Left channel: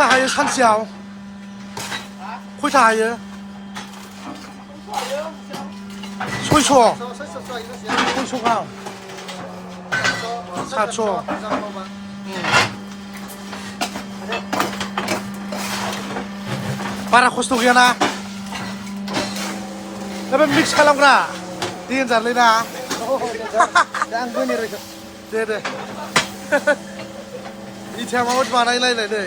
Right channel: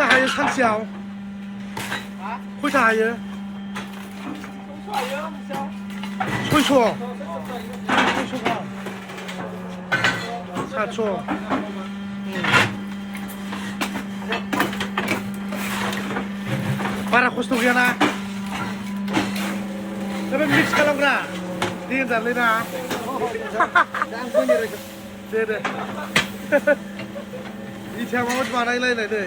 खयथा हायो सानसेयाव खयथा हायो 600 गाहाम 700 बारा खस्थ' गैयाना दा बे मिक्स खालामग्रा देनजारलै ना दे इथाया माबायदि बानायलायनाय नै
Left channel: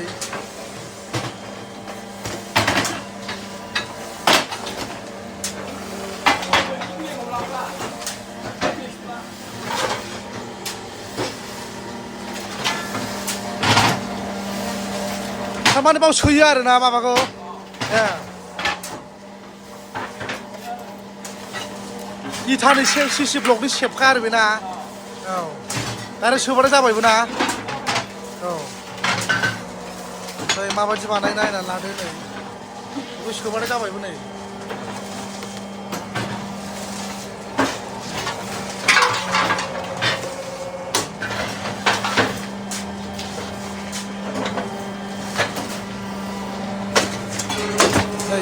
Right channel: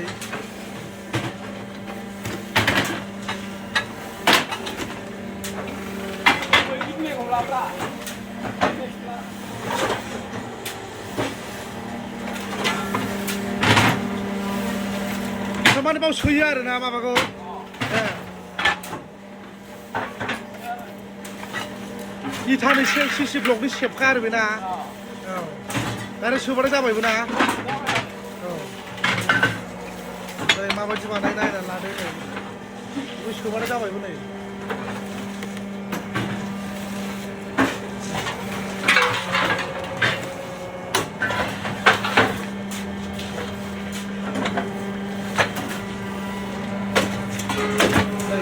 थारमाने बाव सोयो आरो ना माबाखौ इथानि सिसि ब्लकनि सेबखा आरो बेना औ दारेक्ट सोबाथाय जाबायबो ना औ ओमफ्राय माबायदि बानाय नायनानै लादो नै बेखौ सोबाथाय जाबायबो नै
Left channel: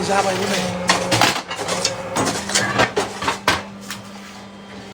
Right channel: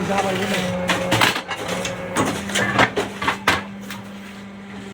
जाबायबो नै